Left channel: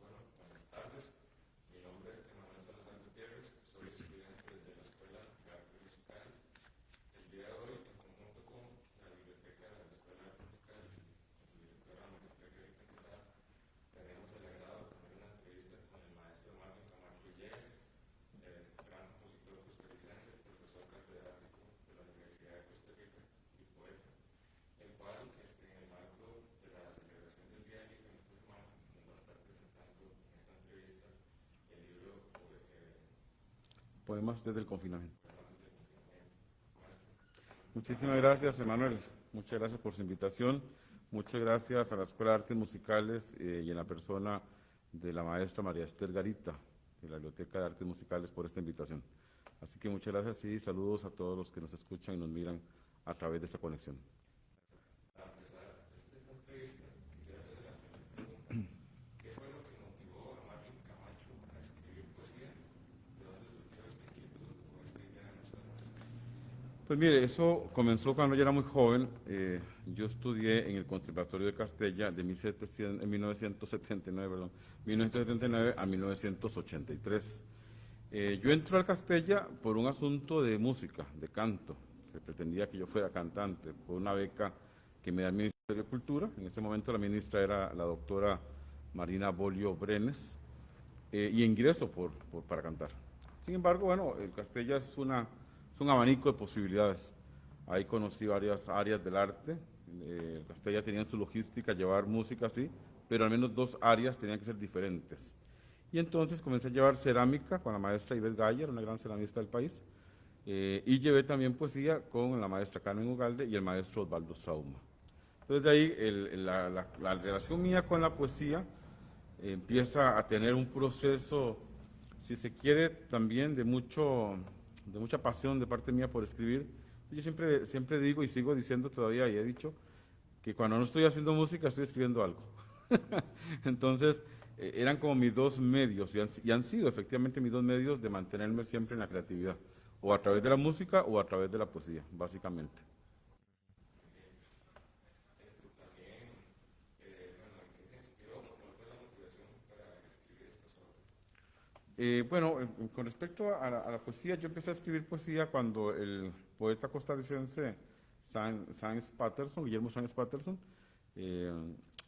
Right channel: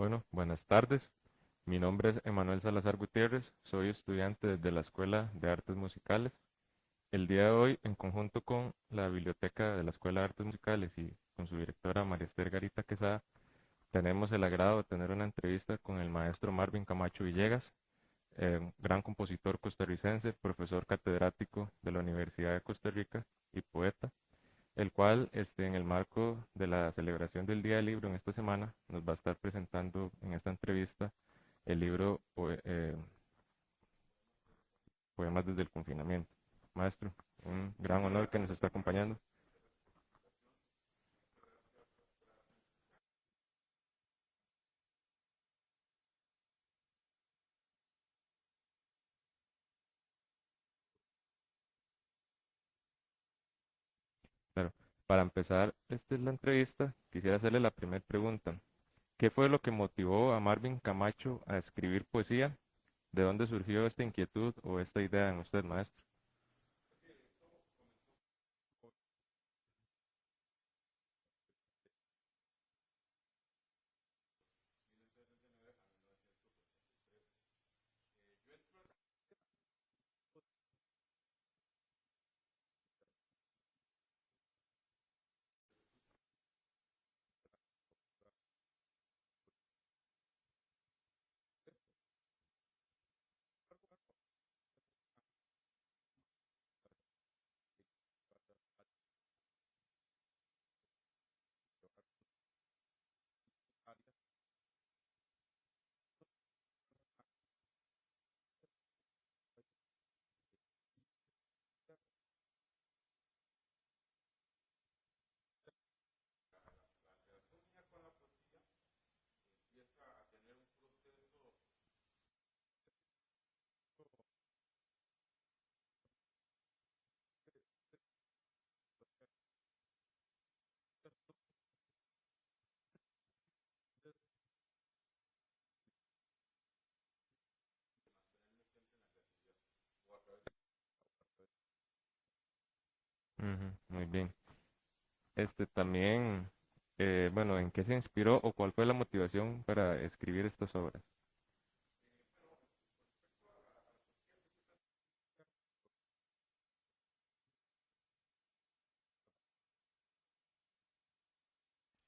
Bueno, buenas tardes. Mi nombre es Emanuel Salazar Gutiérrez, soy estudiante desde la Escuela de Artes Musicales. El día de hoy, en conjunto con la biblioteca de la Escuela de Artes Musicales y con su directora María Esther Garita Quesada, tenemos el agrado de tener una entrevista con el maestro Marvin Camacho Villegas, gran compositor costarricense, profesor catedrático de la Universidad de Costa Rica y poeta, el cual en el marco de la celebración del Día del Libro en esta semana nos va a estar presentando en esta entrevista el libro Poemas desde el confinamiento. Poemas desde el confinamiento. Maestro, un gran Muchísimas honor que nos gracias, esté Emanuel. acompañando. Muchas gracias por su invitación. Muchas gracias a la Escuela de Artes Musicales y en la persona de la maestra María Esther Garita, de la Biblioteca de Artes Musicales, por esta invitación. Así que muchas gracias y saludos a todos los que nos escuchan y nos miran a través de esta conexión. Claro, para empezar la entrevista, quisiera hacerle la primera pregunta. ¿Qué fue lo que motivó a Marvin Camacho a escribir poesía? ¿De dónde surgió esta inquietud o esta idea en usted, maestro? Pues mire, eso comenzó cuando yo era muy joven. Yo estudié en el Conservatorio de Castella de 1979, perdón, 1979 a 1983. Yo entré al Castella por un asunto de música, de canto. Se pretendía que yo fuera cantante por una beca que me da el Ministerio de Cultura. En ese momento la ministra era la doctora Marina Bolio Brenes, y ingreso para cantar. Sin embargo, bueno, el Castella es un abanico de posibilidades. Ahí conocí varias áreas del arte. Castella tenía en su logística llevar música así, pero al menos dos áreas tenían que ser diferentes. Y entonces comencé a llevar cerámica con la maestra Ivette Gayer, una gran ceramista del país, y llevé también poesía con la maestra Carmen Ugalde y el maestro Osvaldo Sauma. Entonces de ahí la relación mía con la poesía empieza a tener un proceso, si se quiere, también de mucha pasión de parte mía por escribir. Yo siempre digo y sigo diciendo todavía, y he dicho, que cuando no estoy haciendo música estoy escribiendo algo. Entonces, eran como mis dos medios, y han sido efectivamente mis dos medios de mantenerme siempre en la creatividad, o a través de la música o a través de la poesía, básicamente. Ujú, muy bien. También, bueno, ¿en qué se inspiró o cuál fue la motivación para escribir estas obras? Bueno, con respecto a la poesía, yo empecé a escribir poesía cuando el poeta costarricense Sáenz Patterson, Guillermo Sáenz Patterson, eh,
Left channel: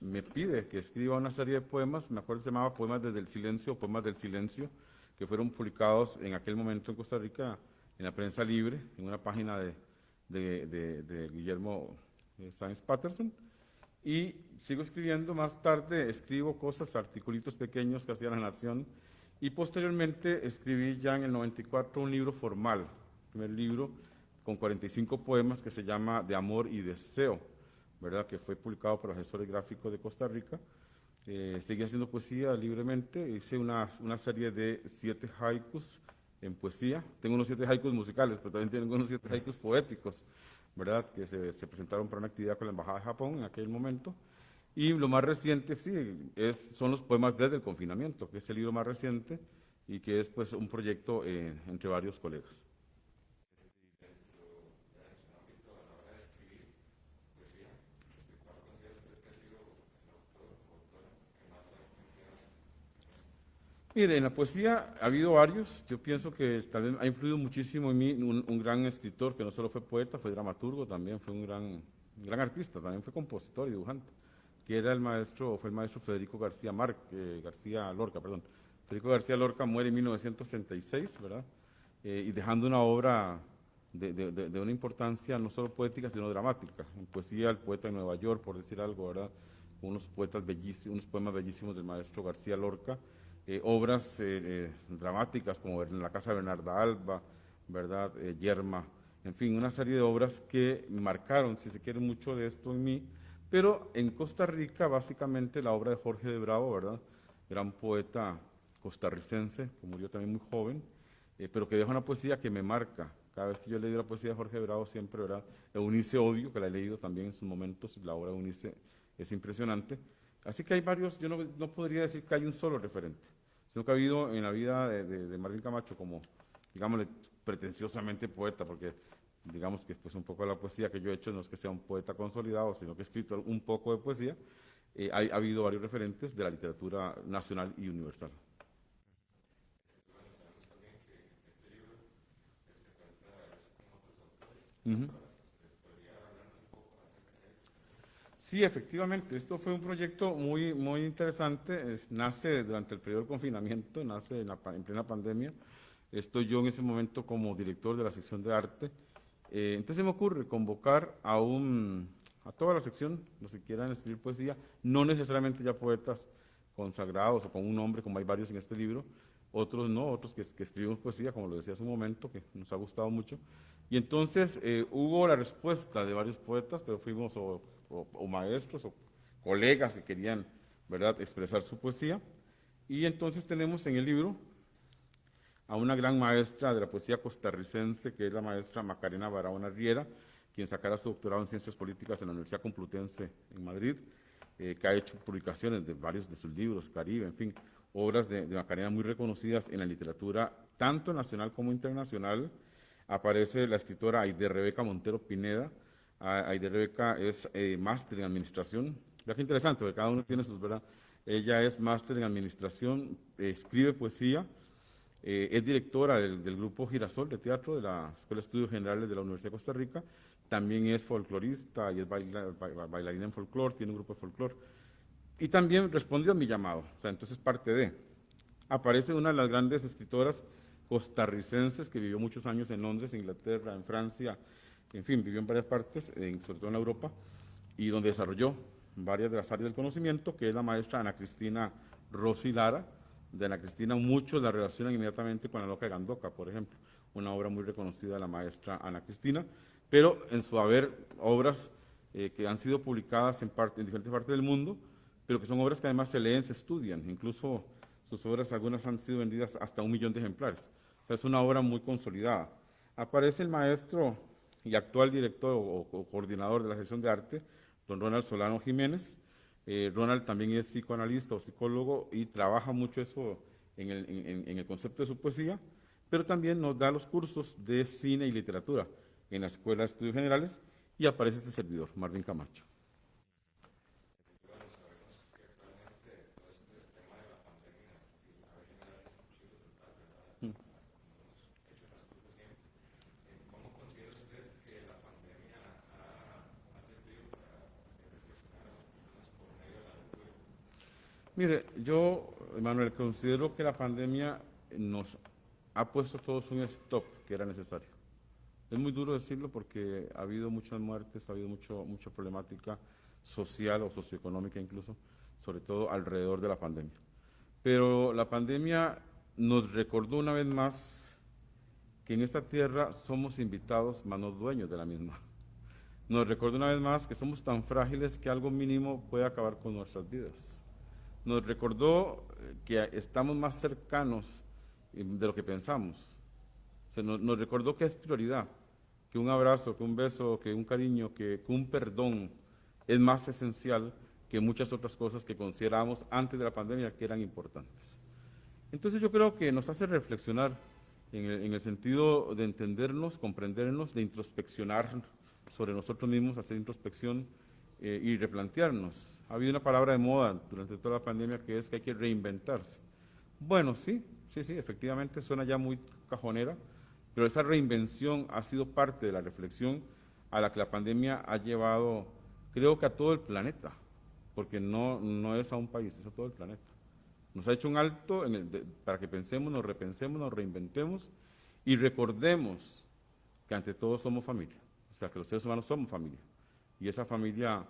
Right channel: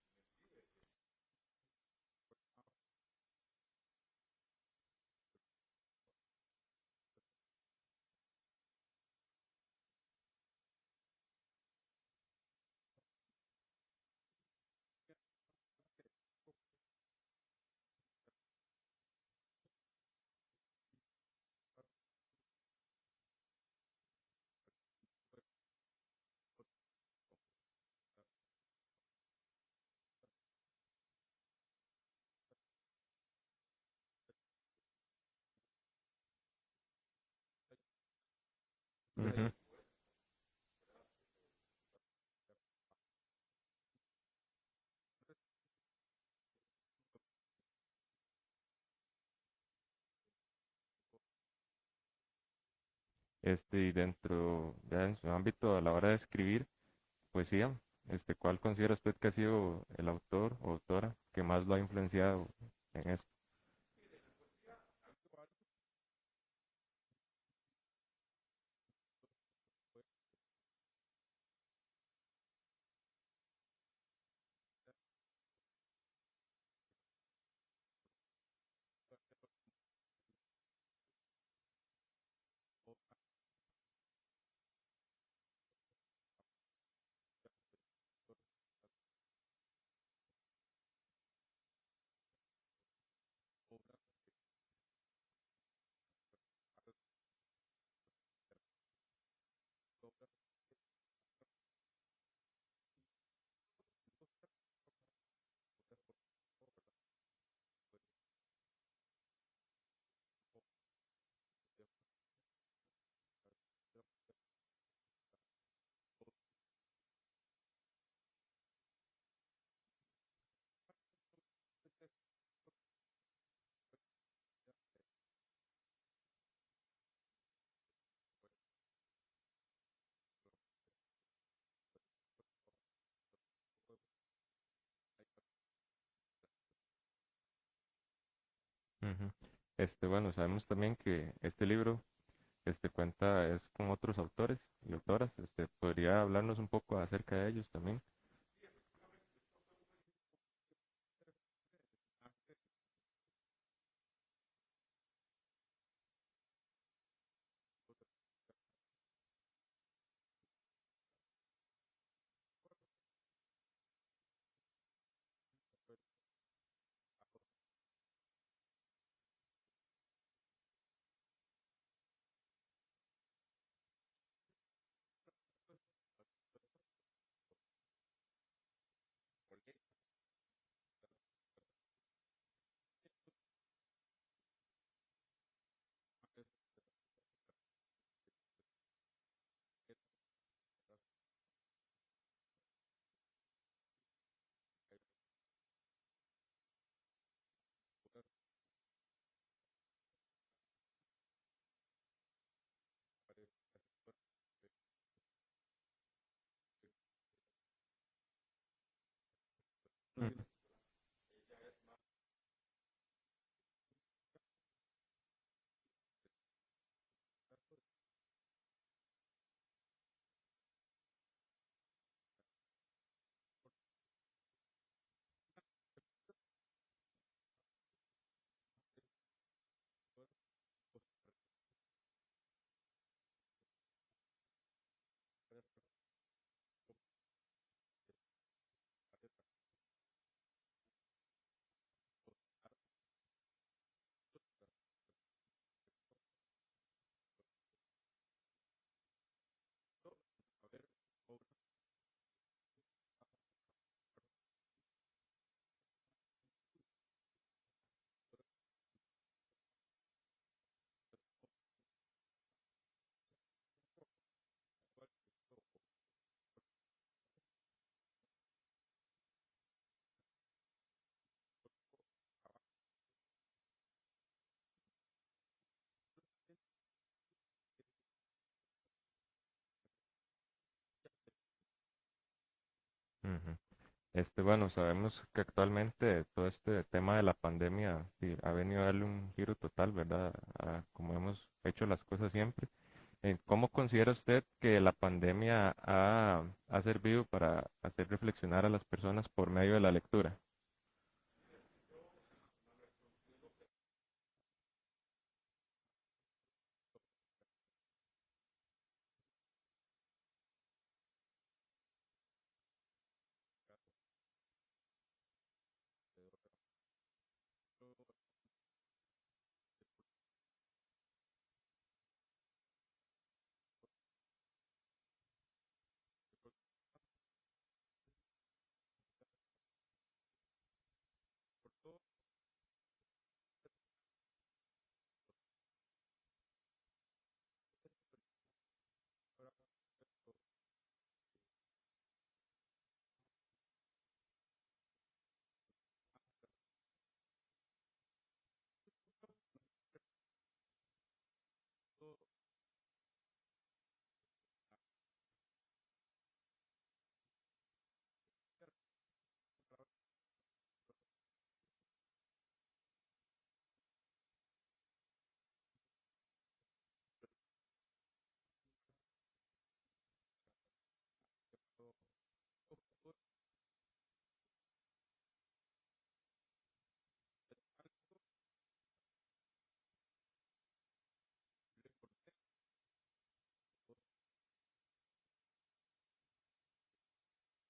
me pide que escriba una serie de poemas. Me acuerdo que se llamaba Poemas desde el Silencio, Poemas del Silencio, que fueron publicados en aquel momento en Costa Rica en la prensa libre, en una página de Guillermo Sáenz Patterson. Y sigo escribiendo. Más tarde escribo cosas, articulitos pequeños que hacía La Nación, y posteriormente escribí ya en el 94 un libro formal, primer libro con 45 poemas, que se llama De Amor y Deseo, ¿verdad? Que fue publicado por los Asesores Gráficos de Costa Rica. Seguí haciendo poesía libremente. Hice una serie de 7 haikus en poesía. Tengo unos 7 haikus musicales, pero también tengo unos 7 Ujú. haikus poéticos, ¿verdad? Que se presentaron para una actividad con la Embajada de Japón en aquel momento. Y lo más reciente, sí, son los poemas desde el confinamiento, que es el libro más reciente y que es pues un proyecto entre varios colegas. Y dentro, ya en su ámbito a la hora de escribir poesía, ¿cuál considera usted que ha sido el autor o autora que más lo ha influenciado en esto? Mire, en la poesía ha habido varios. Yo pienso que también ha influido muchísimo en mí un gran escritor que no solo fue poeta, fue dramaturgo, también fue un gran artista, también fue compositor y dibujante, que era fue el maestro Federico García Lorca, perdón. Federico García Lorca muere en 1936, ¿verdad? Y dejando una obra de una importancia no solo poética, sino dramática. En poesía, El poeta de Nueva York, por decir algo, ¿verdad? Unos poetas bellísimos, unos poemas bellísimos del maestro García Lorca. Obras dramáticas como En la casa de Bernarda Alba, ¿verdad? Yerma, en fin, una serie de obras que marcaron, si se quiere, mucho de esto en mí. Pero en Costa Rica, básicamente, la obra de Jorge de Bravo, ¿verdad? Gran poeta costarricense, que murió también muy joven, pero que deja una poesía que me marca. Cada vez que yo he leído la poesía de Jorge de Bravo, siempre, ¿verdad? Eunice Odio, que la he leído también en sus momentos, la obra de Eunice es impresionante. Así que hay varios. Yo no podría decir que hay un solo referente, sino que ha habido en la vida de Marvin Camacho como, digámosle, pretenciosamente poeta, porque digamos que pues un poco de la poesía que yo he hecho no es que sea un poeta consolidado, sino que he escrito un poco de poesía. ha habido varios referentes de la literatura nacional y universal. Ujú. Bueno, sabemos también que este libro cuenta es con otros autores y Ujú. autoras. ¿Podría hablarnos un poco acerca de ellos también? Sí, efectivamente, esto fue un proyecto muy interesante, nace durante el periodo de confinamiento, nace en plena pandemia. Estoy yo en ese momento como director de la sección de arte. Entonces me ocurre convocar a toda la sección, los que quieran escribir poesía, no necesariamente ya poetas consagrados o con un nombre, como hay varios en este libro, otros no, otros que escribimos poesía, como lo decía hace un momento, que nos ha gustado mucho. Y entonces hubo la respuesta de varios poetas, pero fuimos o maestros o colegas que querían, ¿verdad?, expresar su poesía. Y entonces tenemos en el libro a una gran maestra de la poesía costarricense, que es la maestra Macarena Barahona Riera, quien sacara su doctorado en Ciencias Políticas en la Universidad Complutense en Madrid, que ha hecho publicaciones de varios de sus libros, Caribe, en fin, obras de Macarena muy reconocidas en la literatura, tanto nacional como internacional. Aparece la escritora Aide Rebeca Montero Pineda. Aide Rebeca es máster en administración. Vea qué interesante, porque cada uno tiene Ujú. sus, ¿verdad? Ella es máster en administración, escribe poesía, es directora del grupo Girasol de teatro de la Escuela de Estudios Generales de la Universidad de Costa Rica. También es folclorista y es bailarina en folclore, tiene un grupo de folclore. Y también respondió a mi llamado, o sea, entonces parte de. Aparece una de las grandes escritoras costarricenses que vivió muchos años en Londres, Inglaterra, en Francia, en fin, vivió en varias partes, sobre todo en Europa, y donde desarrolló varias de las áreas del conocimiento, que es la maestra Ana Cristina Rossi Lara. De Ana Cristina muchos la relacionan inmediatamente con La Loca de Gandoca, por ejemplo, una obra muy reconocida de la maestra Ana Cristina, pero en su haber obras que han sido publicadas en diferentes partes del mundo, pero que son obras que además se leen, se estudian, incluso sus obras algunas han sido vendidas hasta 1 millón de ejemplares. O sea, es una obra muy consolidada. Aparece el maestro y actual director o coordinador de la sección de arte, don Ronald Solano Jiménez. Ronald también es psicoanalista o psicólogo y trabaja mucho eso en el concepto de su poesía, pero también nos da los cursos de cine y literatura en la Escuela de Estudios Generales, y aparece este servidor, Marvin Camacho. Ujú. Bueno, sabemos que actualmente todo este tema de la pandemia sí, ha venido a darle un giro total, ¿verdad? A como hemos hecho las cosas siempre. ¿Cómo considera usted que la pandemia ha servido para hacer reflexionar a las personas por medio de la lectura? Mire, yo, Manuel, considero que la pandemia nos ha puesto a todos un stop que era necesario. Es muy duro decirlo porque ha habido muchas muertes, ha habido mucha problemática social o socioeconómica incluso, sobre todo alrededor de la pandemia. Pero la pandemia nos recordó una vez más que en esta tierra somos invitados, mas no dueños de la misma. Nos recordó una vez más que somos tan frágiles que algo mínimo puede acabar con nuestras vidas. Nos recordó que estamos más cercanos de lo que pensamos. Nos recordó que es prioridad, que un abrazo, que un beso, que un cariño, que un perdón es más esencial que muchas otras cosas que considerábamos antes de la pandemia que eran importantes. Entonces yo creo que nos hace reflexionar en el sentido de entendernos, comprendernos, de introspeccionar sobre nosotros mismos, hacer introspección y replantearnos. Ha habido una palabra de moda durante toda la pandemia que es que hay que reinventarse. Bueno, sí, efectivamente suena ya muy cajonera, pero esa reinvención ha sido parte de la reflexión a la que la pandemia ha llevado, creo que a todo el planeta, porque no es a un país, es a todo el planeta. Nos ha hecho un alto para que pensemos, nos repensemos, nos reinventemos y recordemos que ante todo somos familia, o sea, que los seres humanos somos familia. Y esa familia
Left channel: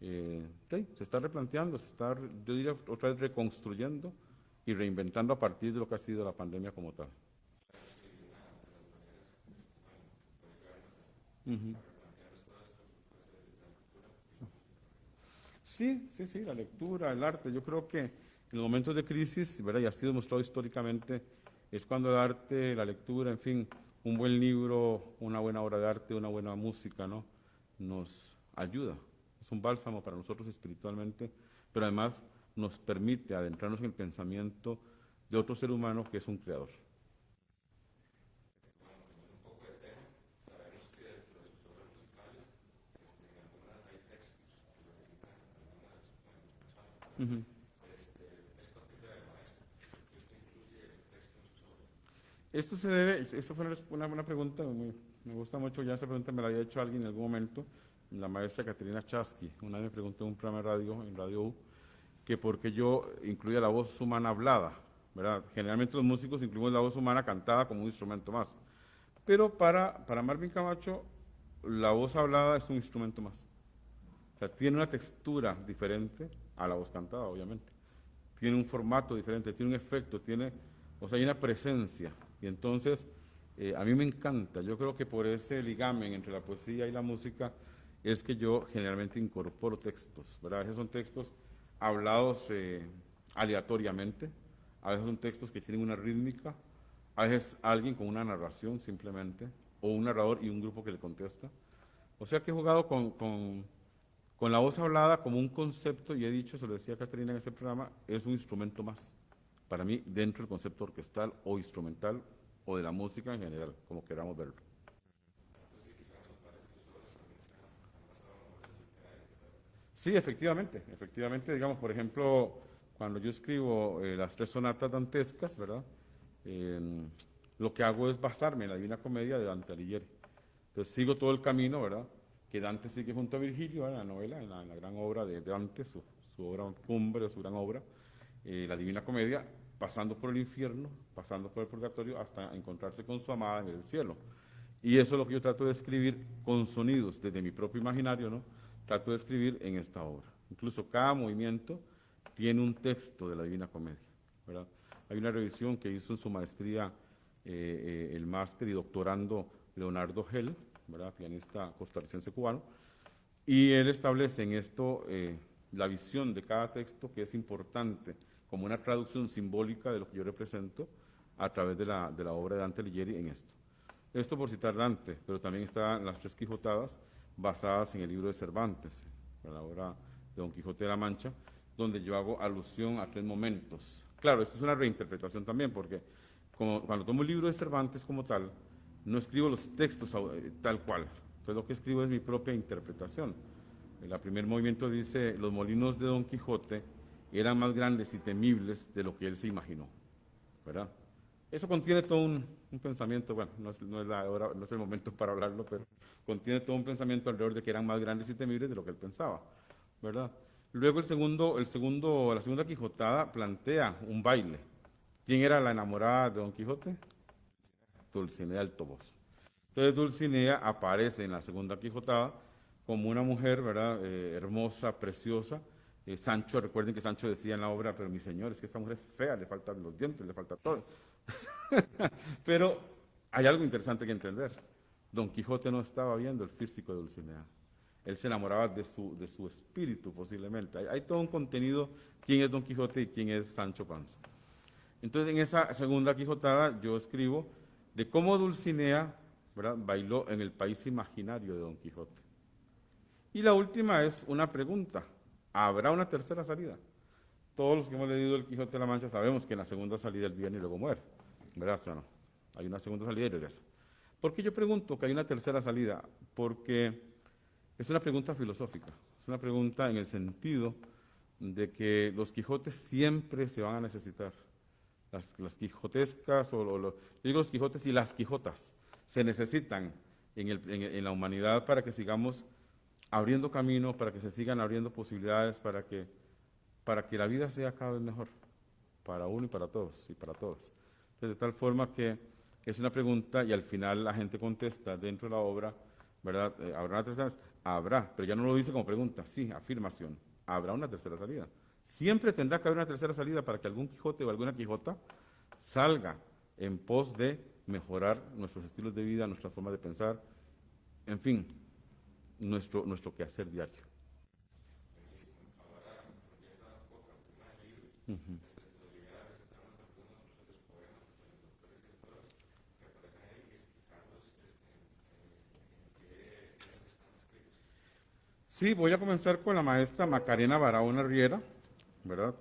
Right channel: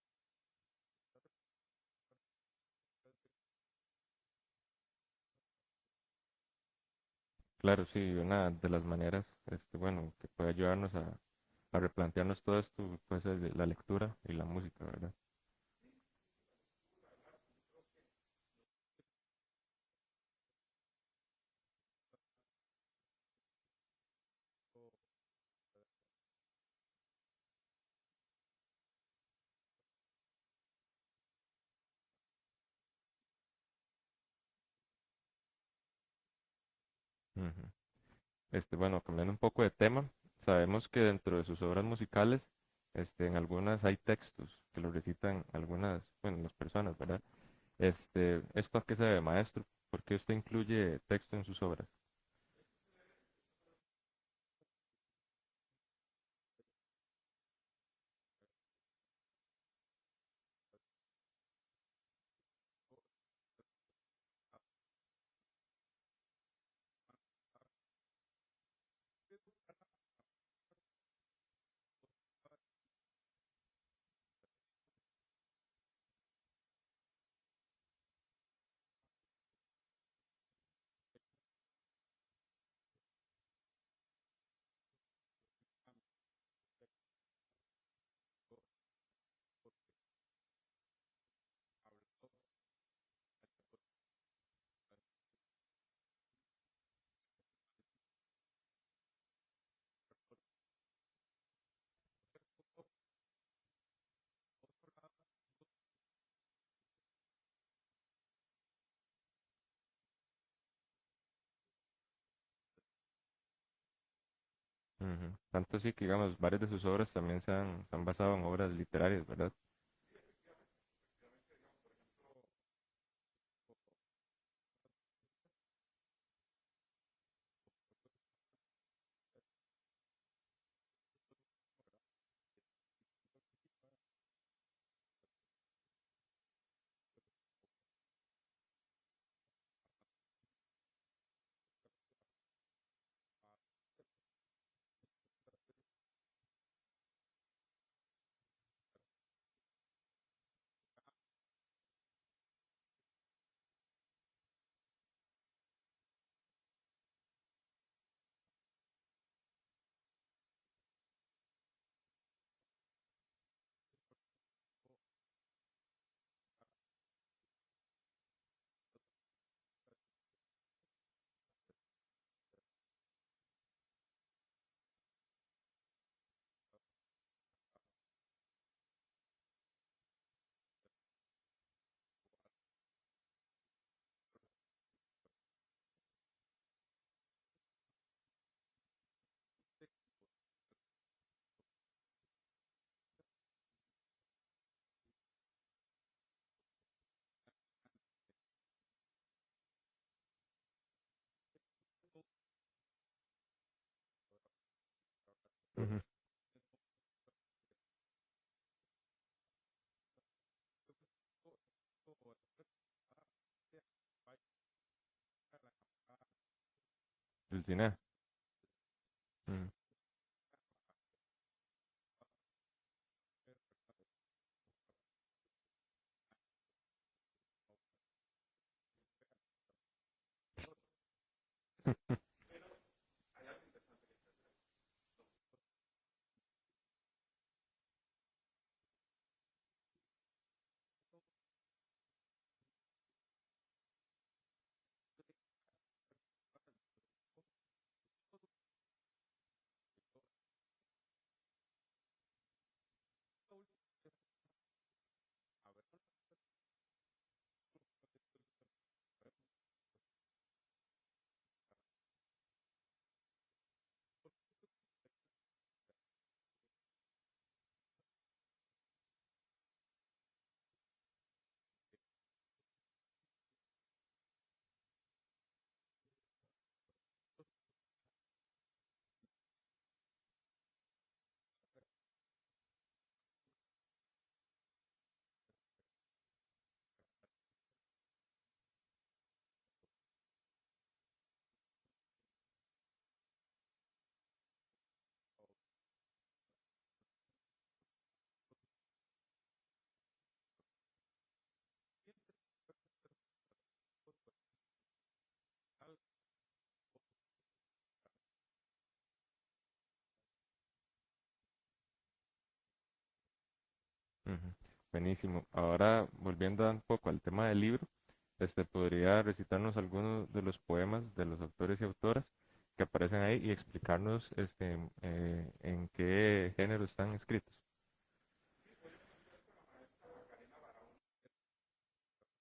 se está replanteando, yo diría, otra vez reconstruyendo y reinventando a partir de lo que ha sido la pandemia como tal. Claro, sí, una de las maneras, bueno, que puede ayudarnos a replantearnos todo esto, puede ser la lectura y la música, ¿verdad? Sí, la lectura, el arte. Yo creo que en los momentos de crisis, ¿verdad? Y ha sido demostrado históricamente, es cuando el arte, la lectura, en fin, un buen libro, una buena obra de arte, una buena música, ¿no? Nos ayuda. Es un bálsamo para nosotros espiritualmente, pero además nos permite adentrarnos en el pensamiento de otro ser humano que es un creador. Ujú. Bueno, cambiando un poco de tema, sabemos que dentro de sus obras musicales, en algunas hay textos que lo recitan algunas, bueno, se debe, maestro? ¿Por qué usted incluye texto en sus obras? Esto se debe, esa fue una buena pregunta, me gusta mucho, ya esa pregunta me la había hecho alguien en algún momento, la maestra Caterina Chasky, una vez me preguntó en un programa de radio, en Radio U, que por qué yo incluía la voz humana hablada, ¿verdad? Generalmente los músicos incluimos la voz humana cantada como un instrumento más, pero para Marvin Camacho, la voz hablada es un instrumento más. O sea, tiene una textura diferente a la voz cantada, obviamente. Tiene un formato diferente, tiene un efecto, o sea, hay una presencia. Y entonces, a mí me encanta. Yo creo que por ese ligamen entre la poesía y la música es que yo generalmente incorporo textos, ¿verdad? A veces son textos hablados aleatoriamente, a veces son textos que tienen una rítmica, a veces alguien con una narración simplemente, o un narrador y un grupo que le contesta. O sea que he jugado con la voz hablada como un concepto, y he dicho, se lo decía Caterina en ese programa, es un instrumento más, para mí, dentro del concepto orquestal o instrumental, o de la música en general, como queramos verlo. Ujú. Tanto así que, digamos, varias de sus obras también se han basado en obras literarias, ¿verdad? Sí, efectivamente, digamos, por ejemplo, cuando yo escribo las tres sonatas dantescas, ¿verdad? Eh, lo que hago es basarme en la Divina Comedia de Dante Alighieri. Entonces sigo todo el camino, ¿verdad? Que Dante sigue junto a Virgilio, ¿verdad? En la novela, en la gran obra de Dante, su obra cumbre, su gran obra, la Divina Comedia, pasando por el infierno, pasando por el purgatorio, hasta encontrarse con su amada en el cielo. Y eso es lo que yo trato de escribir con sonidos desde mi propio imaginario, ¿no? Trato de escribir en esta obra. Incluso cada movimiento tiene un texto de la Divina Comedia, ¿verdad? Hay una revisión que hizo en su maestría el máster y doctorando Leonardo Hell, ¿verdad? Pianista costarricense cubano, y él establece en esto la visión de cada texto, que es importante, como una traducción simbólica de lo que yo represento a través de la obra de Dante Alighieri en esto. Esto por citar Dante, pero también están las tres Quijotadas basadas en el libro de Cervantes, en la obra de Don Quijote de la Mancha, donde yo hago alusión a tres momentos. Claro, esto es una reinterpretación también, porque cuando tomo un libro de Cervantes como tal, no escribo los textos tal cual. Entonces lo que escribo es mi propia interpretación. El primer movimiento dice, los molinos de Don Quijote eran más grandes y temibles de lo que él se imaginó, ¿verdad? Eso contiene todo un pensamiento, bueno, no es el momento para hablarlo, pero Ujú. contiene todo un pensamiento alrededor de que eran más grandes y temibles de lo que él pensaba, ¿verdad? Luego la segunda Quijotada plantea un baile. ¿Quién era la enamorada de Don Quijote? Dulcinea. Dulcinea del Toboso. Mm. Entonces Dulcinea aparece en la segunda Quijotada como una mujer, ¿verdad? Hermosa, preciosa. Sancho, recuerden que Sancho decía en la obra, pero mi señor, es que esta mujer es fea, le faltan los dientes, le falta todo. Pero hay algo interesante que entender. Don Quijote no estaba viendo el físico de Dulcinea. Él se enamoraba de su espíritu, posiblemente. Hay todo un contenido, quién es Don Quijote y quién es Sancho Panza. Entonces, en esa segunda Quijotada, yo escribo de cómo Dulcinea, ¿verdad?, bailó en el país imaginario de Don Quijote. Y la última es una pregunta. ¿Habrá una tercera salida? Todos los que hemos leído El Quijote de la Mancha sabemos que en la segunda salida él viene y luego muere, ¿verdad? O sea, no. Hay una segunda salida y regresa. ¿Por qué yo pregunto que hay una tercera salida? Porque es una pregunta filosófica. Es una pregunta en el sentido de que los Quijotes siempre se van a necesitar. Las quijotescas, yo digo los Quijotes y las Quijotas, se necesitan en la humanidad para que sigamos abriendo camino, para que se sigan abriendo posibilidades, para que la vida sea cada vez mejor, para uno y para todos, y para todas. Entonces, de tal forma que es una pregunta y al final la gente contesta dentro de la obra, ¿verdad? ¿Habrá una tercera salida? Habrá, pero ya no lo dice como pregunta, sí, afirmación. Habrá una tercera salida. Siempre tendrá que haber una tercera salida para que algún Quijote o alguna Quijota salga en pos de mejorar nuestros estilos de vida, nuestra forma de pensar, en fin, nuestro quehacer diario. Ujú. Buenísimo. Ahora, volviendo un poco al tema del libro, Ujú. ¿podría recitarnos algunos de los poemas de los autores y autoras que aparecen ahí y explicarnos en qué género están escritos? Sí, voy a comenzar con la maestra Macarena Barahona Riera, ¿verdad?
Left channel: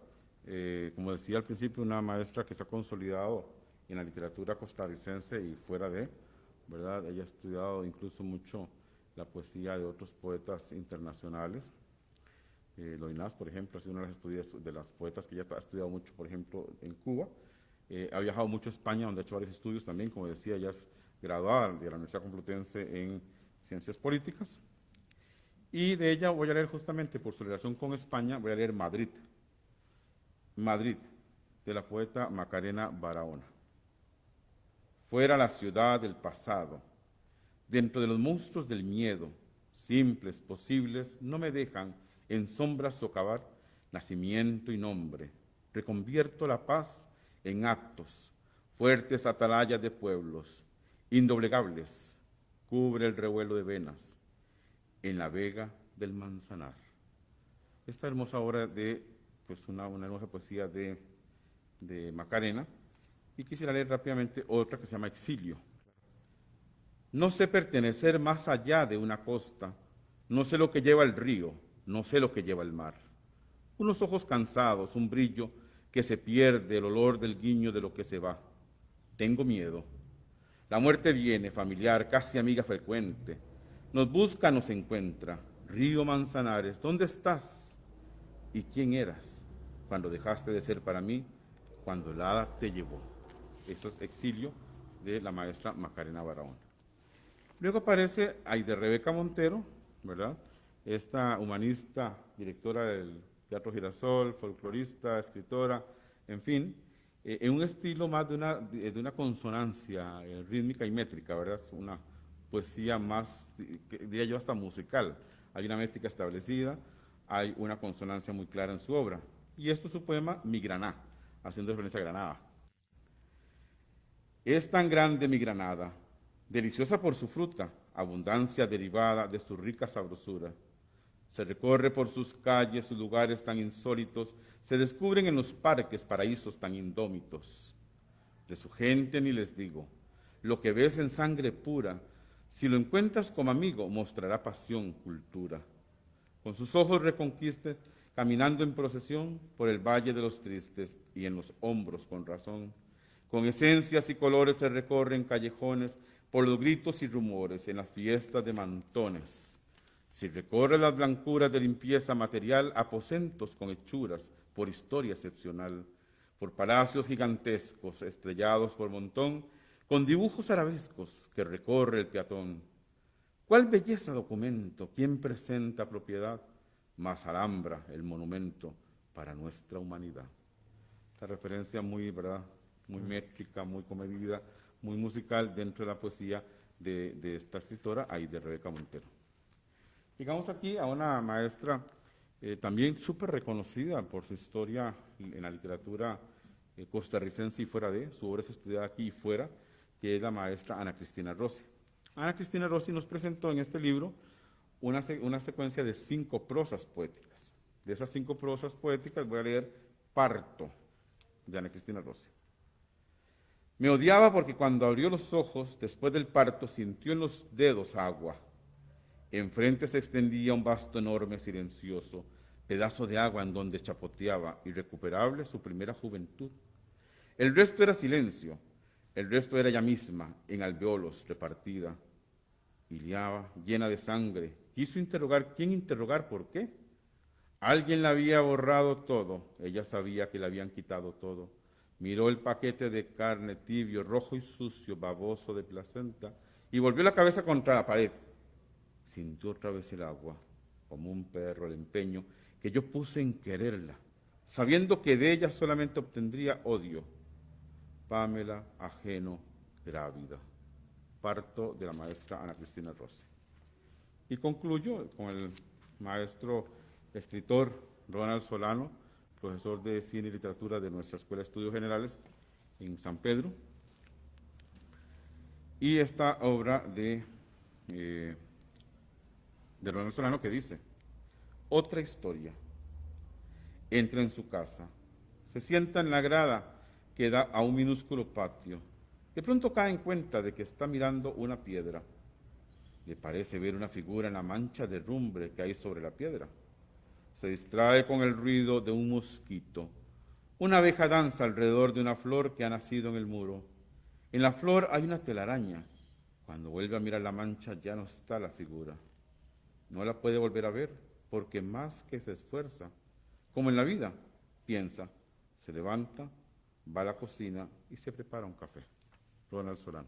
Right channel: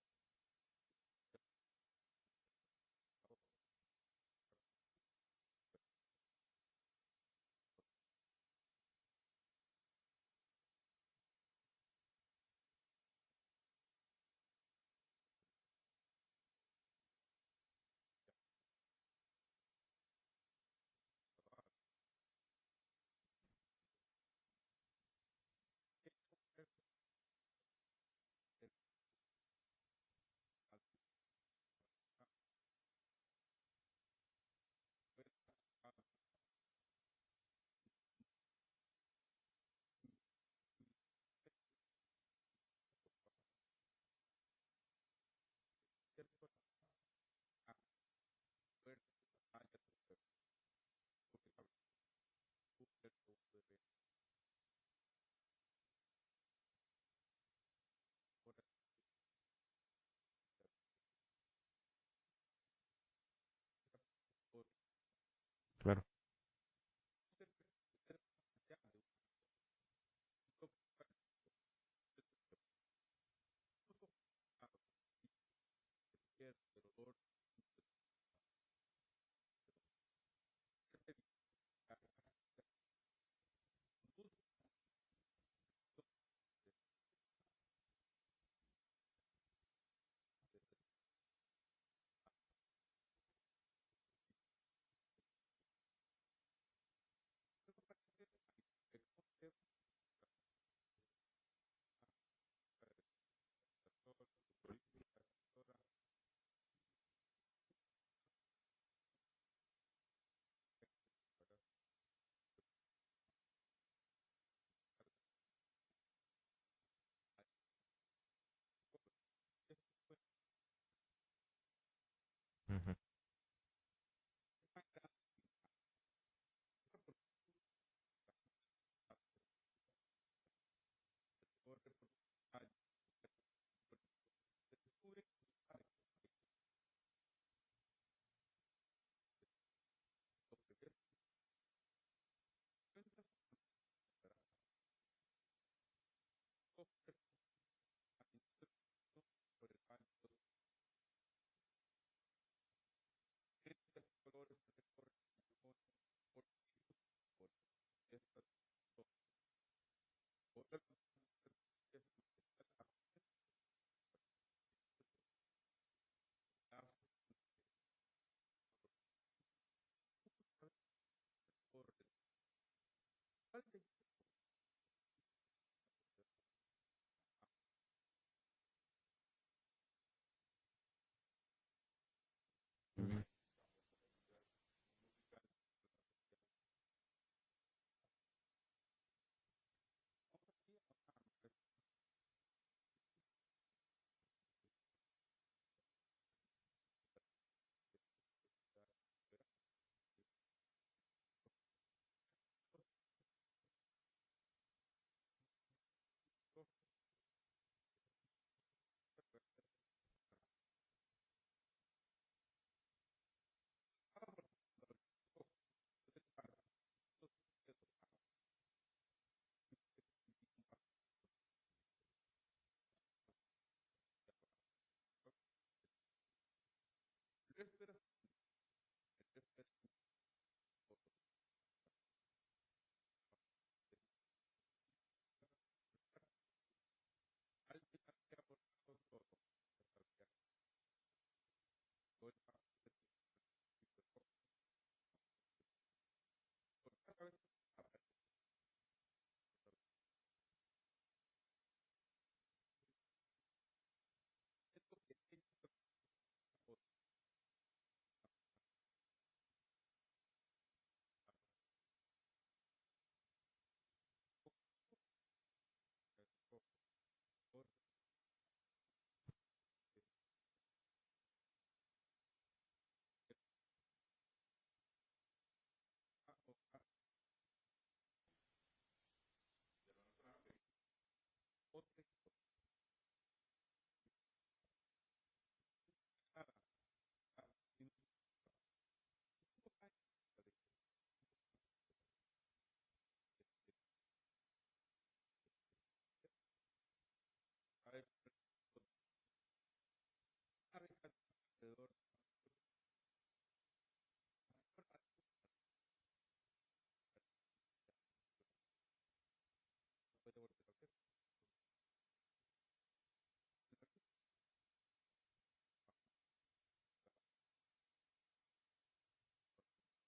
Como decía al principio, una maestra que se ha consolidado en la literatura costarricense y fuera de, ¿verdad? Ella ha estudiado incluso mucho la poesía de otros poetas internacionales. Loinás, por ejemplo, ha sido una de las poetas que ella ha estudiado mucho, por ejemplo, en Cuba. Ha viajado mucho a España, donde ha hecho varios estudios también. Como decía, ella es graduada de la Universidad Complutense en Ciencias Políticas. Y de ella voy a leer justamente, por su relación con España, voy a leer Madrid. Madrid, de la poeta Macarena Barahona. Fuera la ciudad del pasado, dentro de los monstruos del miedo, simples, posibles, no me dejan en sombras socavar nacimiento y nombre. Reconvierto la paz en actos, fuertes atalayas de pueblos, indoblegables, cubre el revuelo de venas, en la vega del Manzanar. Esta hermosa obra de, pues una hermosa poesía de Macarena, y quisiera leer rápidamente otra que se llama Exilio. Claro. No sé pertenecer más allá de una costa, no sé lo que lleva el río, no sé lo que lleva el mar. Unos ojos cansados, un brillo que se pierde, el olor del guiño de lo que se va. Tengo miedo. La muerte viene, familiar, casi amiga frecuente. Nos busca, nos encuentra. Río Manzanares, ¿dónde estás? ¿Y quién eras cuando dejaste de ser para mí, cuando el hada te llevó? Esto es Exilio, de la maestra Macarena Barahona. Luego aparece Aide Rebeca Montero, ¿verdad? Esta humanista, directora del Teatro Girasol, folclorista, escritora, en fin, en un estilo más de una consonancia rítmica y métrica, ¿verdad? Es una poesía más, diría yo, hasta musical. Hay una métrica establecida, hay una consonancia muy clara en su obra. Y esto es su poema Mi Graná, haciendo referencia a Granada. Ujú. Es tan grande mi Granada, deliciosa por su fruta, abundancia derivada de su rica sabrosura. Se recorre por sus calles, sus lugares tan insólitos, se descubren en los parques paraísos tan indómitos. De su gente ni les digo, lo que ves en sangre pura, si lo encuentras como amigo, mostrará pasión, cultura. Con sus ojos reconquistes, caminando en procesión por el valle de los tristes y en los hombros con razón. Con esencias y colores se recorren callejones por los gritos y rumores en las fiestas de mantones. Si recorre las blancuras de limpieza material, aposentos con hechuras por historia excepcional, por palacios gigantescos estrellados por montón, con dibujos arabescos que recorre el peatón. ¿Cuál belleza documento? ¿Quién presenta propiedad? Más alhambra el monumento para nuestra humanidad. Esta referencia muy, ¿verdad?, muy métrica, muy comedida, muy musical dentro de la poesía de esta escritora, Aide Rebeca Montero. Llegamos aquí a una maestra también súper reconocida por su historia en la literatura costarricense y fuera de, su obra es estudiada aquí y fuera, que es la maestra Ana Cristina Rossi. Ana Cristina Rossi nos presentó en este libro una secuencia de 5 prosas poéticas. De esas 5 prosas poéticas voy a leer Parto, de Ana Cristina Rossi. Me odiaba porque cuando abrió los ojos, después del parto, sintió en los dedos agua. Enfrente se extendía un vasto enorme, silencioso, pedazo de agua en donde chapoteaba, irrecuperable, su primera juventud. El resto era silencio, el resto era ella misma, en alveolos, repartida. Iliaba, llena de sangre, quiso interrogar, ¿quién interrogar? ¿Por qué? Alguien le había borrado todo, ella sabía que le habían quitado todo. Miró el paquete de carne tibio, rojo y sucio, baboso de placenta, y volvió la cabeza contra la pared. Sintió otra vez el agua, como un perro, el empeño que yo puse en quererla, sabiendo que de ella solamente obtendría odio. Pamela, ajeno, grávida. Parto de la maestra Ana Cristina Rossi. Y concluyo con el maestro escritor Ronald Solano, profesor de Cine y Literatura de nuestra Escuela de Estudios Generales en San Pedro. Y esta obra de Ronald Solano que dice: otra historia. Entra en su casa, se sienta en la grada que da a un minúsculo patio. De pronto cae en cuenta de que está mirando una piedra. Le parece ver una figura en la mancha de rumbre que hay sobre la piedra. Se distrae con el ruido de un mosquito. Una abeja danza alrededor de una flor que ha nacido en el muro. En la flor hay una telaraña. Cuando vuelve a mirar la mancha ya no está la figura. No la puede volver a ver. porque más que se esfuerza, como en la vida, piensa, se levanta, va a la cocina y se prepara un café. Ronald Solano.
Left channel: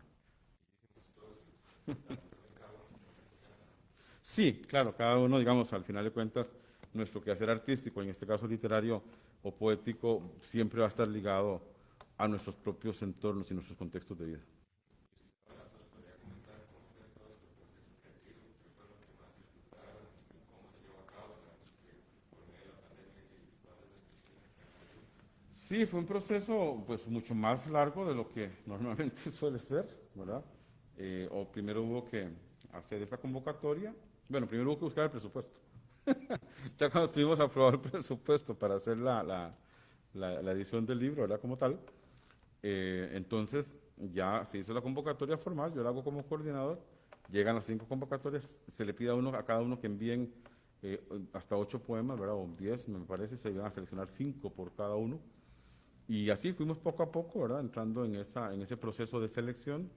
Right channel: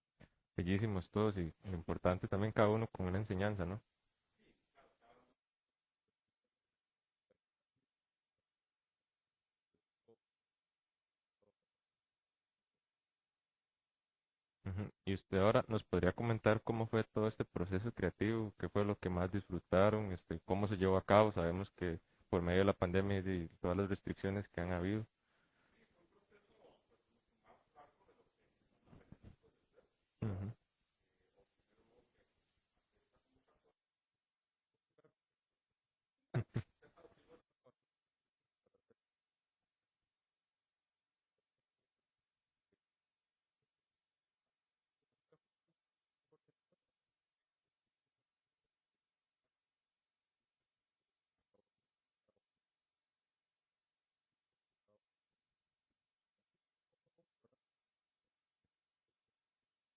Bellísimos todos y lo importante también cada uno con una enseñanza, ¿no? Sí, claro, cada uno, digamos, al final de cuentas, nuestro quehacer artístico, en este caso literario o poético, siempre va a estar ligado a nuestros propios entornos y nuestros contextos de vida. Ujú. Y usted ahora nos podría comentar cómo fue todo este proceso creativo, qué fue lo que más disfrutaron, cómo se llevó a cabo. Sabemos que por medio de la pandemia y todas las restricciones que han habido. Sí, fue un proceso pues mucho más largo de lo que normalmente suele ser, ¿verdad? Ujú. O primero hubo que hacer esa convocatoria. Bueno, primero hubo que buscar el presupuesto. Ya cuando tuvimos aprobado el presupuesto para hacer la edición del libro, ¿verdad? Como tal, entonces ya se hizo la convocatoria formal, yo la hago como coordinador, llegan las 5 convocatorias, se le pide a cada uno que envíen hasta 8 poemas, ¿verdad? O 10, me parece, se iban a seleccionar 5 por cada uno. Y así fuimos poco a poco, ¿verdad? Entrando en ese proceso de selección.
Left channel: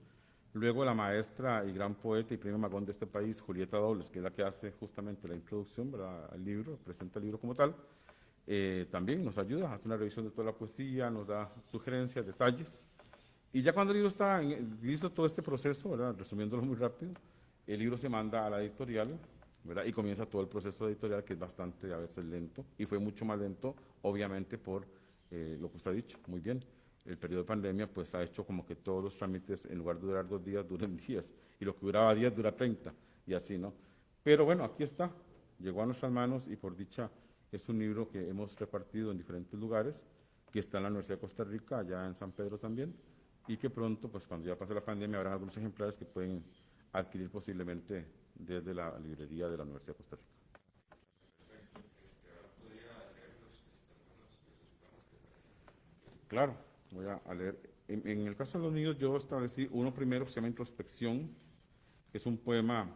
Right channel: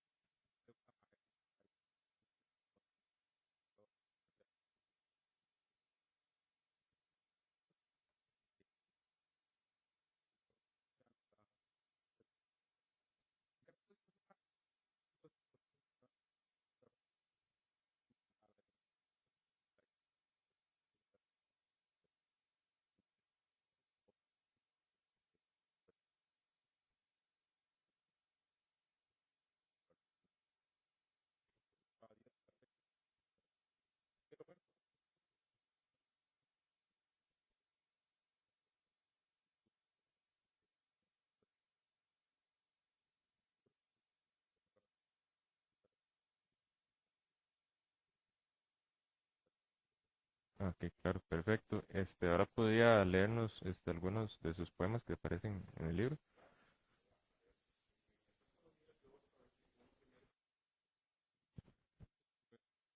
Luego la maestra y gran poeta y premio Magón de este país, Julieta Dobles, que es la que hace justamente la introducción, ¿verdad?, al libro, presenta el libro como tal, también nos ayuda, hace una revisión de toda la poesía, nos da sugerencias, detalles. Y ya cuando el libro está listo todo este proceso, ¿verdad?, resumiéndolo muy rápido, el libro se manda a la editorial, ¿verdad?, y comienza todo el proceso editorial, que es bastante a veces lento, y fue mucho más lento, obviamente, por lo que usted ha dicho, muy bien. El periodo de pandemia pues ha hecho como que todos los trámites, en lugar de durar 2 días, duren 10, y lo que duraba 10 dura 30, y así, ¿no? Pero bueno, aquí está, llegó a nuestras manos y por dicha es un libro que hemos repartido en diferentes lugares, que está en la Universidad de Costa Rica, allá en San Pedro también, y que pronto, pues cuando ya pase la pandemia, habrá algunos ejemplares que pueden adquirir posiblemente desde la librería de la Universidad de Costa Rica. Ok, claro, perfecto. Ahora podría leernos algunos de sus poemas que aparecen en el libro. Claro, voy a leer. En el caso de los niños, yo establecí uno primero que se llama Introspección, que es un poema,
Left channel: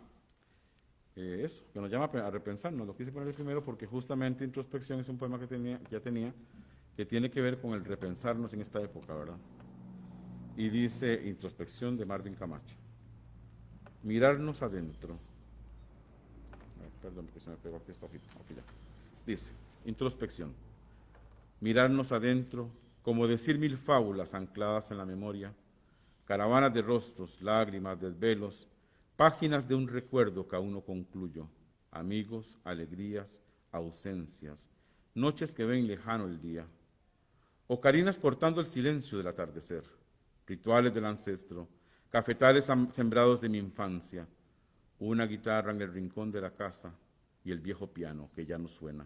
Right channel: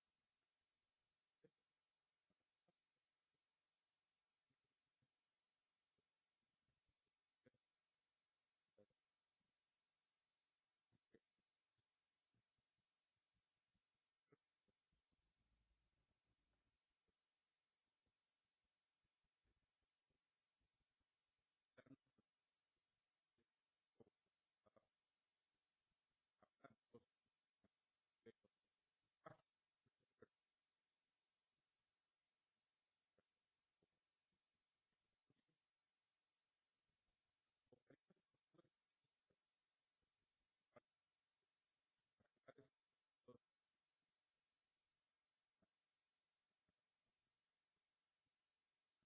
que nos llama a repensarnos. Lo quise poner primero porque justamente Introspección es un poema que ya tenía, que tiene que ver con el repensarnos en esta época, ¿verdad? Y dice Introspección de Marvin Camacho. Mirarnos adentro. Perdón, porque se me pegó aquí esta hojita. Aquí ya. Dice, Introspección. Mirarnos adentro, como decir 1000 fábulas ancladas en la memoria, caravanas de rostros, lágrimas, desvelos, páginas de un recuerdo que aún no concluyo, amigos, alegrías, ausencias, noches que ven lejano el día, ocarinas cortando el silencio del atardecer, rituales del ancestro, cafetales sembrados de mi infancia, una guitarra en el rincón de la casa y el viejo piano que ya no suena.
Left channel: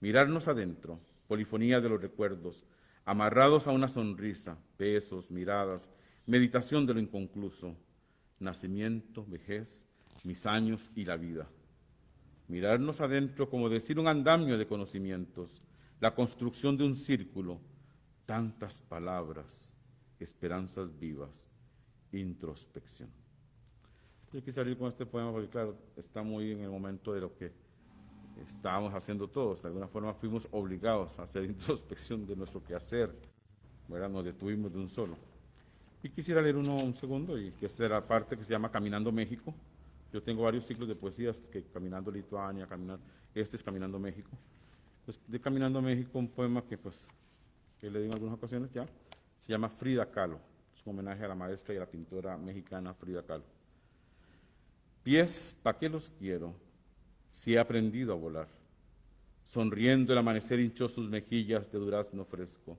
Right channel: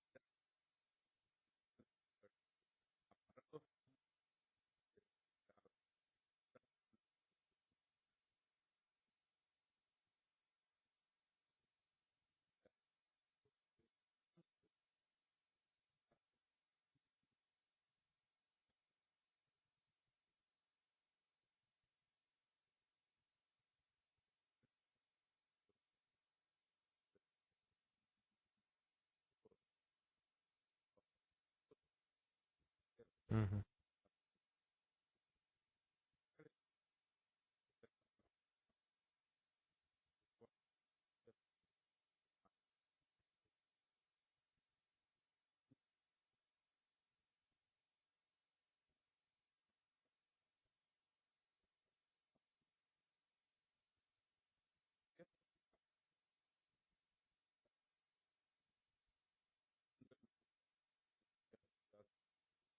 Mirarnos adentro, polifonía de los recuerdos, amarrados a una sonrisa, besos, miradas, meditación de lo inconcluso, nacimiento, vejez, mis años y la vida. Mirarnos adentro como decir un andamio de conocimientos, la construcción de un círculo, tantas palabras, esperanzas vivas, introspección. Yo quise salir con este poema porque, claro, está muy en el momento de lo que estábamos haciendo todos. De alguna forma fuimos obligados a hacer introspección de nuestro quehacer, ¿verdad? Nos detuvimos de un solo. Y quisiera leer un segundo, y que es de la parte que se llama Caminando México. Yo tengo varios ciclos de poesías, que Caminando Lituania, este es Caminando México. Pues de Caminando México, un poema que le digo en algunas ocasiones ya, se llama Frida Kahlo. Es un homenaje a la maestra y a la pintora mexicana Frida Kahlo. Pies, ¿pa' qué los quiero? Si he aprendido a volar. Sonriendo el amanecer hinchó sus mejillas de durazno fresco.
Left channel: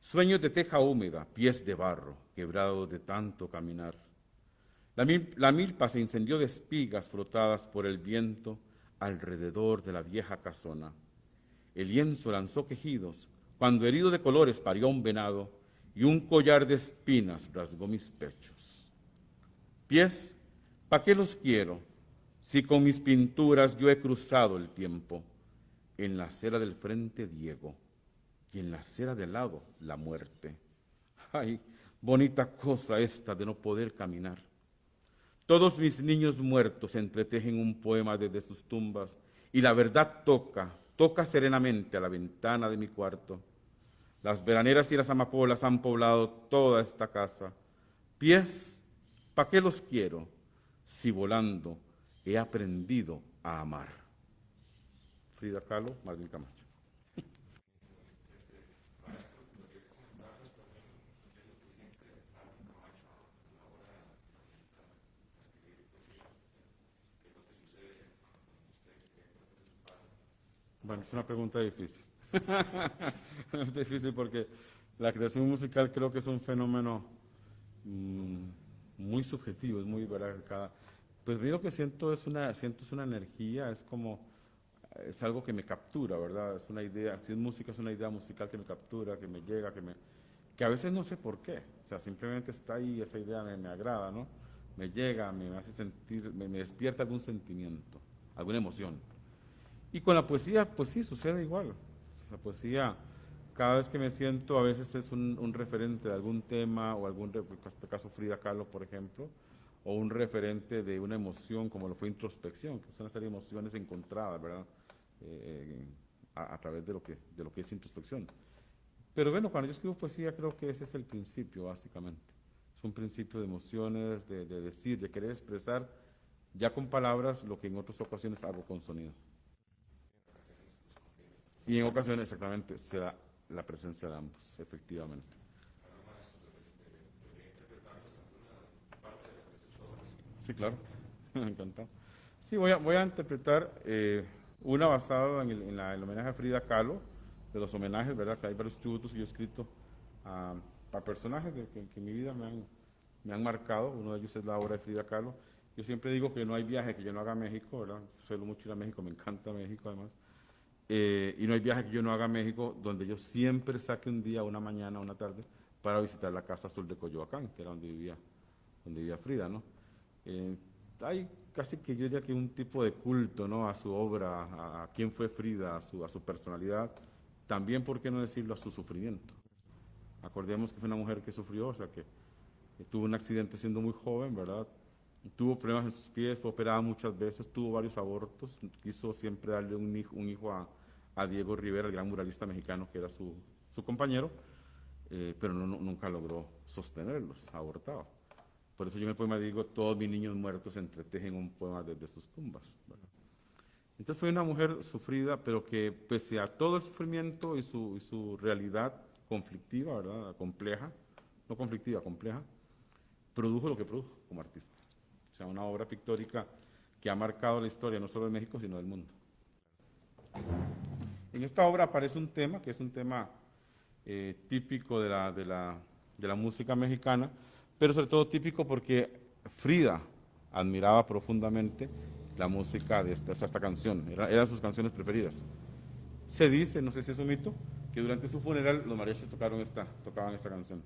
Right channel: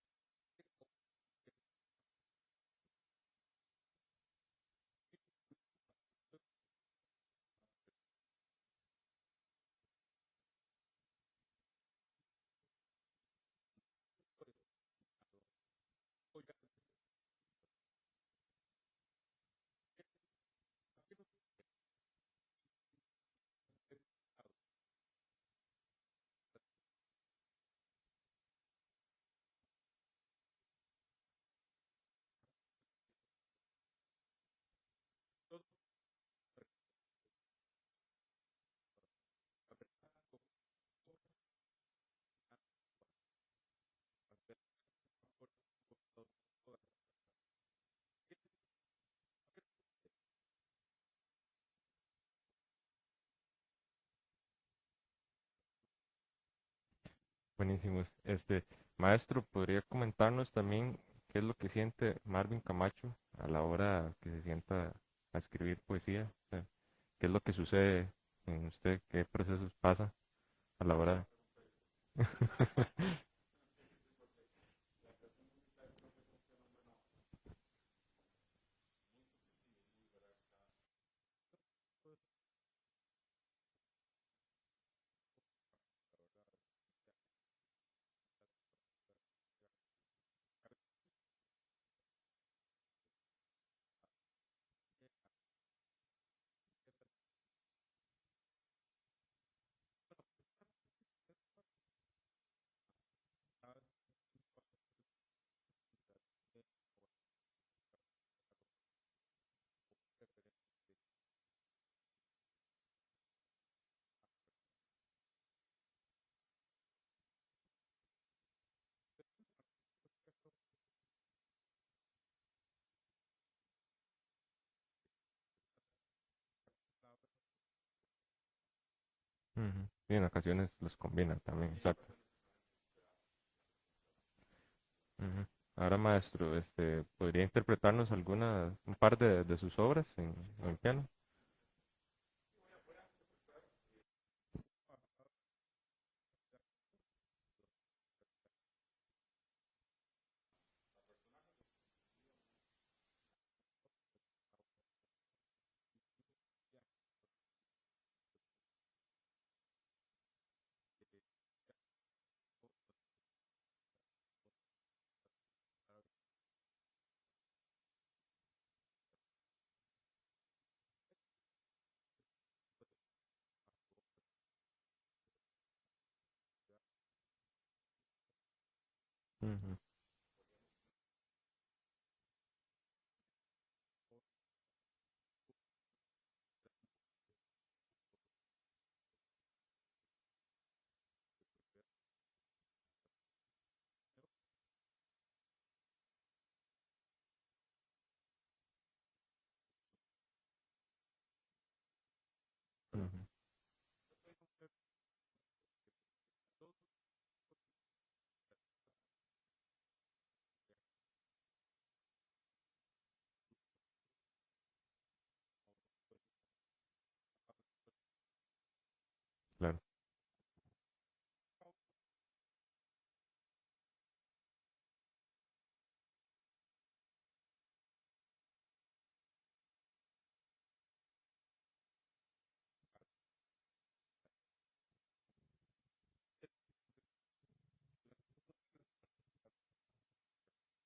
Sueños de teja húmeda, pies de barro, quebrados de tanto caminar. La milpa se incendió de espigas frotadas por el viento alrededor de la vieja casona. El lienzo lanzó quejidos cuando herido de colores parió un venado y un collar de espinas rasgó mis pechos. Pies, ¿pa' qué los quiero? Si con mis pinturas yo he cruzado el tiempo, en la acera del frente Diego, y en la acera del lado la muerte. Ay, bonita cosa esta de no poder caminar. Todos mis niños muertos entretejen un poema desde sus tumbas, y la verdad toca serenamente a la ventana de mi cuarto. Las veraneras y las amapolas han poblado toda esta casa. Pies, ¿pa' qué los quiero? Si volando he aprendido a amar. Frida Kahlo, Marvin Camacho. Buenísimo. Maestro, ¿podría comentarnos también qué es lo que siente Marvin Camacho a la hora que se sienta a escribir poesía? O sea, ¿qué es lo que sucede en usted? ¿Qué procesos pasa a la Bueno, es hora? una pregunta difícil. Es difícil porque la creación musical creo que es un fenómeno muy subjetivo, es muy, ¿verdad? Pues yo lo que siento es una energía, es algo que me captura, ¿verdad? Es una idea, si es música, es una idea musical que me captura, que me llega, que a veces no sé por qué, o sea, simplemente está ahí, esa idea me agrada, ¿no? Me llega, me hace sentir, me despierta algún sentimiento, alguna emoción. Y con la poesía, pues sí, sucede igual. La poesía, cada vez que me siento, a veces es un referente de algún tema, o en este caso Frida Kahlo, por ejemplo, o un referente de una emoción, como lo fue introspección, que es una serie de emociones encontradas, ¿verdad? A través de lo que es introspección. Pero bueno, cuando yo escribo poesía, creo que ese es el principio, básicamente. Es un principio de emociones, de decir, de querer expresar, ya con palabras, lo que en otras ocasiones hago con sonido. Ujú. Y en ocasiones los combinan también. Y en exacto. ocasiones, exactamente, se da la presencia de ambos, efectivamente. Ujú. Ahora, maestro, ¿podría interpretarnos un par de sus obras Sí, en claro, piano? encantado. Sí, voy a interpretar una basada en el homenaje a Frida Kahlo, de los homenajes, ¿verdad? Que hay varios tributos que yo he escrito a personajes que en mi vida me han marcado. Uno de ellos es la obra de Frida Kahlo. Yo siempre digo que no hay viaje que yo no haga a México, ¿verdad? Suelo mucho ir a México, me encanta México además. Y no hay viaje que yo no haga a México donde yo siempre saque un día, una mañana, una tarde, para visitar la Casa Azul de Coyoacán, que era donde vivía Frida, ¿no? Hay casi que yo diría que un tipo de culto, ¿no? A su obra, a quién fue Frida, a su personalidad, también, ¿por qué no decirlo?, a su sufrimiento. Ujú. Acordemos que fue una mujer que sufrió, o sea, que tuvo un accidente siendo muy joven, ¿verdad? Tuvo problemas en sus pies, fue operada muchas veces, tuvo varios abortos, quiso siempre darle un hijo a Diego Rivera, el gran muralista mexicano que era su compañero, pero nunca logró sostenerlos, abortaba. Por eso yo en el poema digo, todos mis niños muertos entretejen un poema desde sus tumbas, ¿verdad? Ujú. Entonces fue una mujer sufrida, pero que pese a todo el sufrimiento y su realidad conflictiva, ¿verdad? Compleja, no conflictiva, compleja, produjo lo que produjo como artista. O sea, una obra pictórica que ha marcado la historia no solo de México, sino del mundo. Claro. En esta obra aparece un tema, que es un tema típico de la música mexicana, pero sobre todo típico porque Frida admiraba profundamente la música de esta canción, eran sus canciones preferidas. Se dice, no sé si es un mito, que durante su funeral los mariachis tocaban esta canción.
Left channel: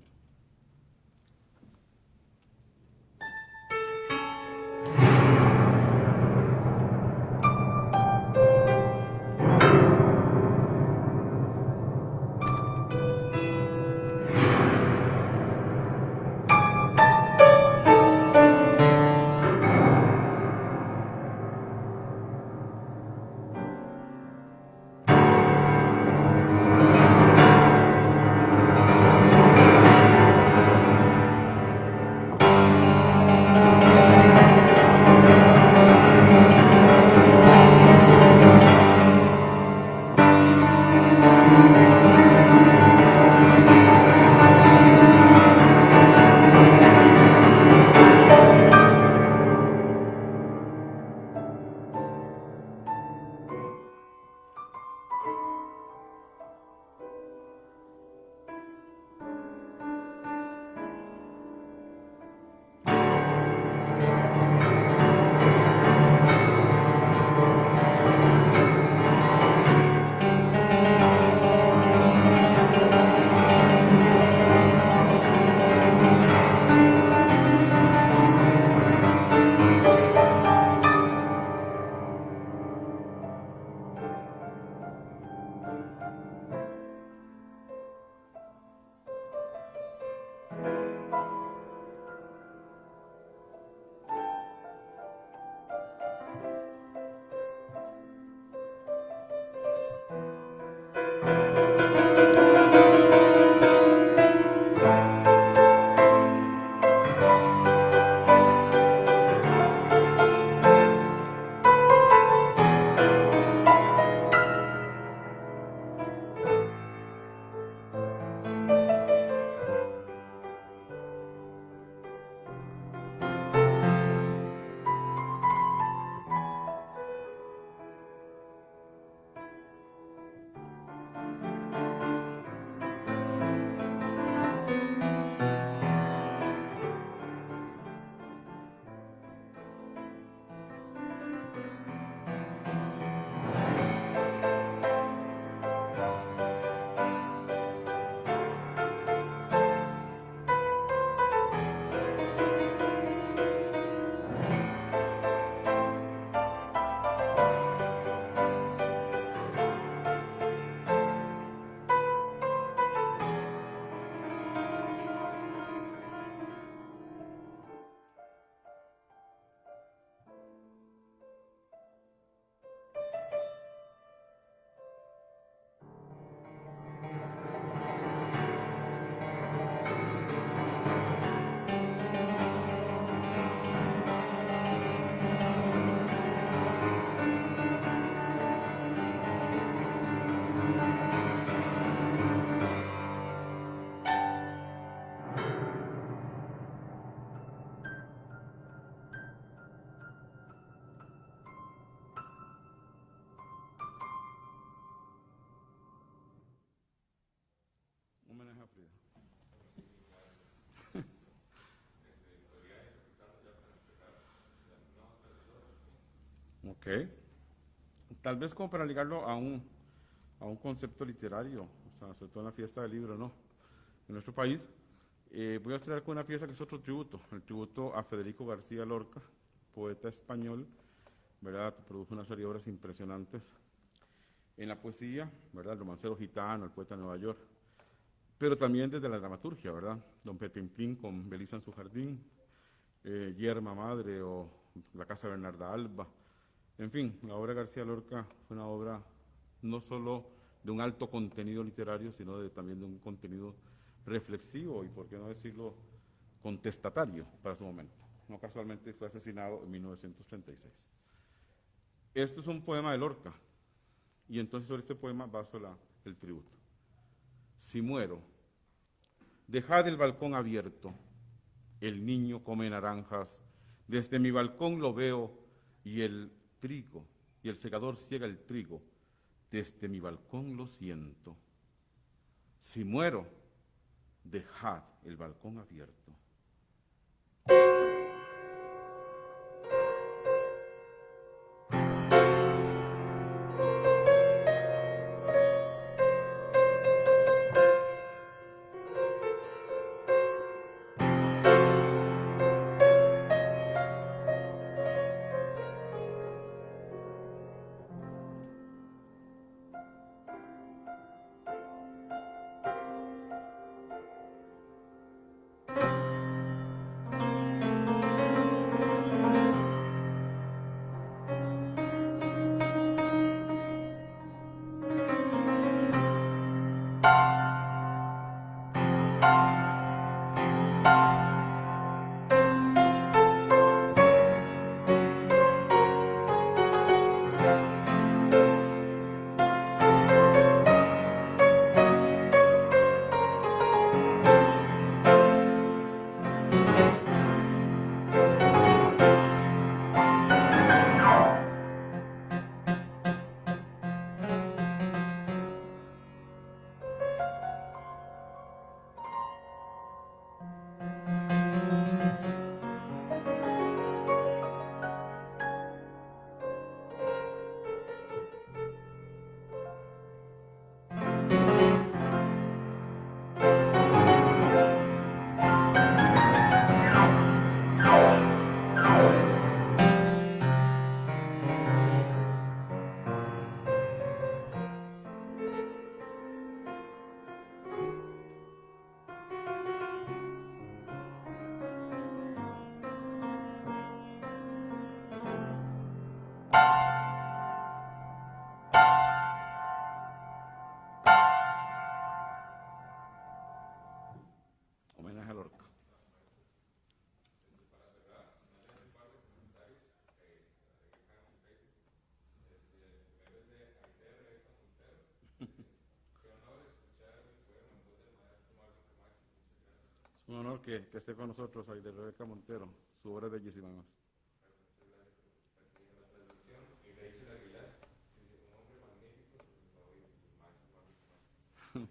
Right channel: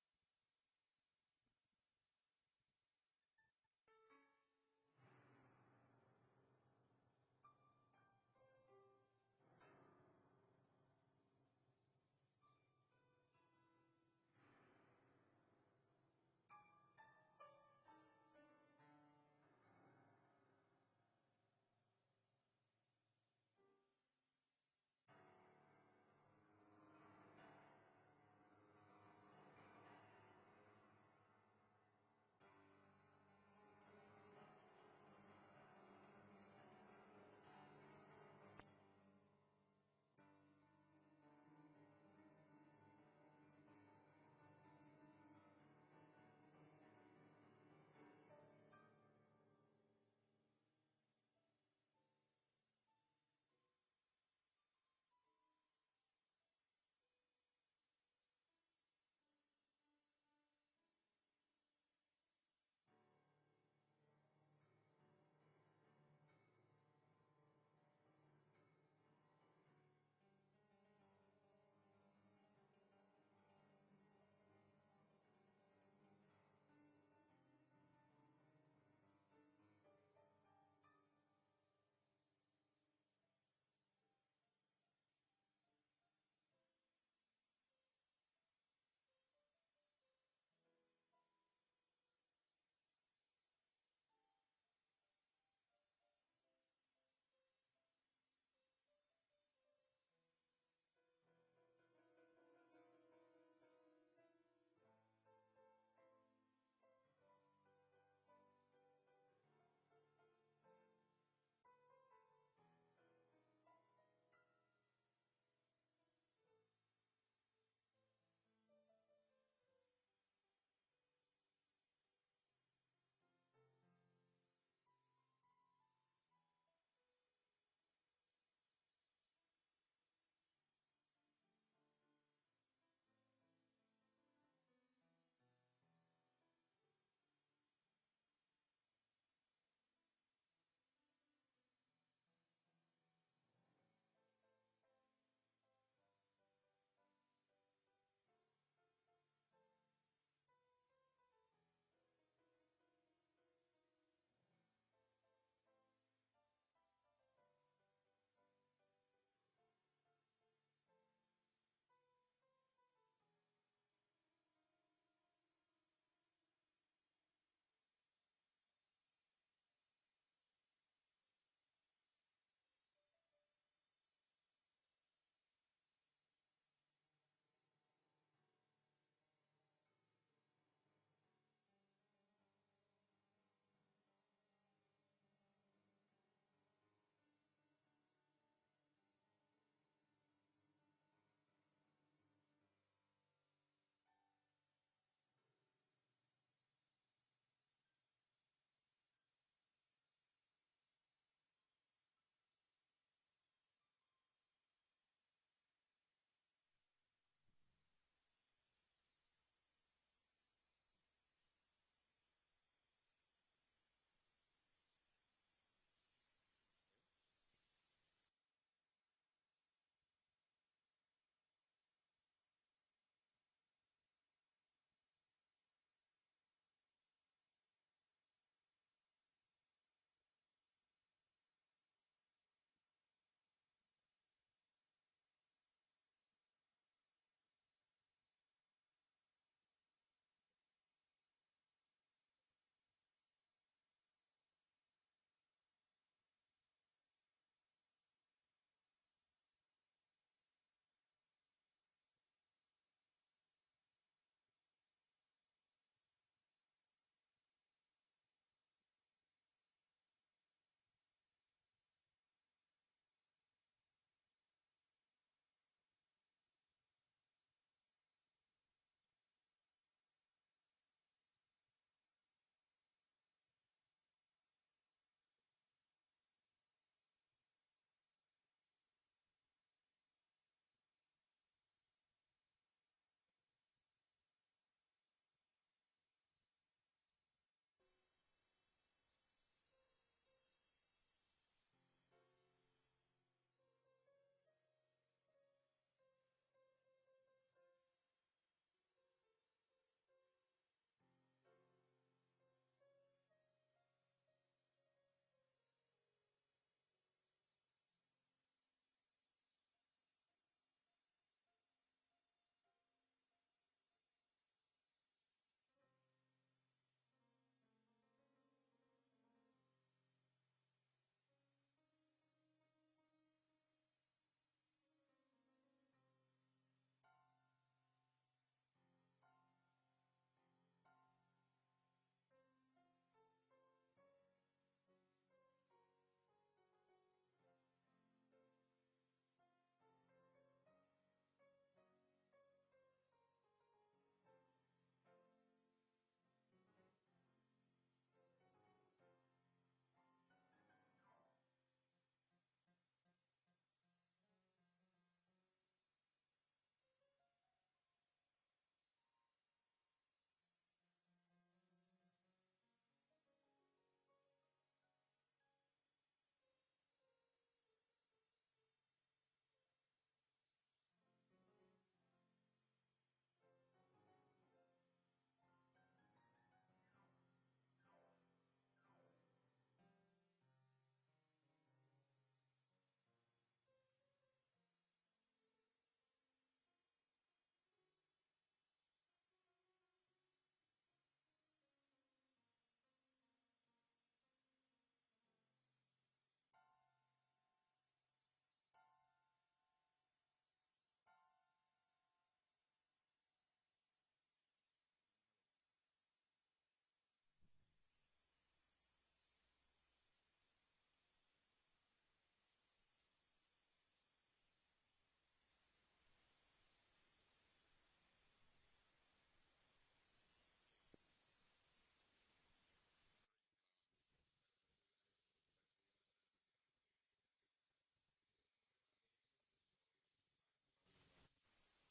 Ok. Tal vez como para ligarlo a un concepto literario, o sea, sobre todo en la fiesta del libro, ¿no? En nuestro país, voy a cerrar con una pieza que es otro tributo, el tributo a Federico García Lorca, poeta español, ¿verdad? Produjo una serie de obras impresionantes en la poesía, ¿verdad? El romancero gitano, el poeta de Nueva York, pero también desde la dramaturgia, ¿verdad? Don Pepín Plin con Belisa en su jardín, Yerma Madre o La Casa de Bernarda Alba. En fin, la obra de García Lorca fue una obra no solo de un alto contenido literario, sino también de un contenido reflexivo y, por qué no decirlo, contestatario para su momento. No casualmente fue asesinado en 1936. Esto es un poema de Lorca, y entonces sobre este poema baso el tributo. Si muero, dejad el balcón abierto, el niño come naranjas, desde mi balcón lo veo y el trigo, y el segador ciega el trigo, desde mi balcón lo siento. Si muero, dejad el balcón abierto. Homenaje a Lorca. Es un honor que esté con nosotros ahí de Rebeca Montero, su obra es bellísima más.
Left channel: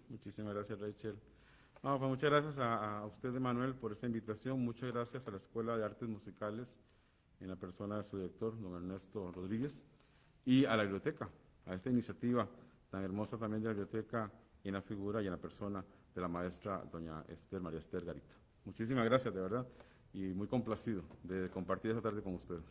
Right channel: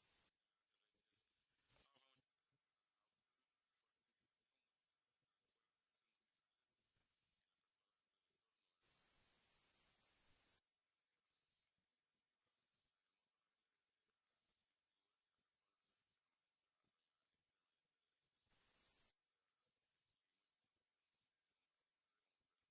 Muchísimas gracias, Rachel. No, pues muchas gracias a usted, Manuel, por esta invitación. Muchas gracias a la Escuela de Artes Musicales, en la persona de su director, don Ernesto Rodríguez, y a la biblioteca, a esta iniciativa tan hermosa también de la biblioteca, y en la figura y en la persona de la maestra doña María Esther Garita. Muchísimas gracias, de verdad, y muy complacido de compartir esta tarde con ustedes.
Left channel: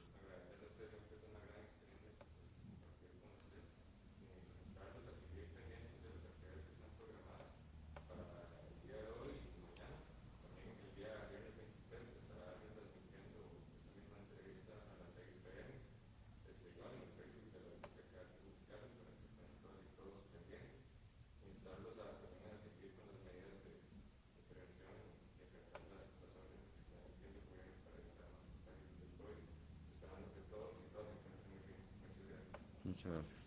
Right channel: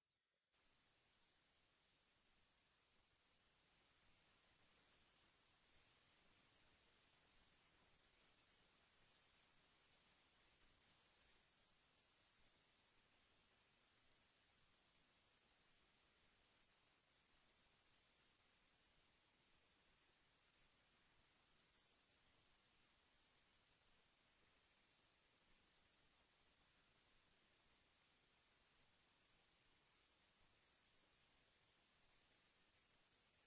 Muchas gracias.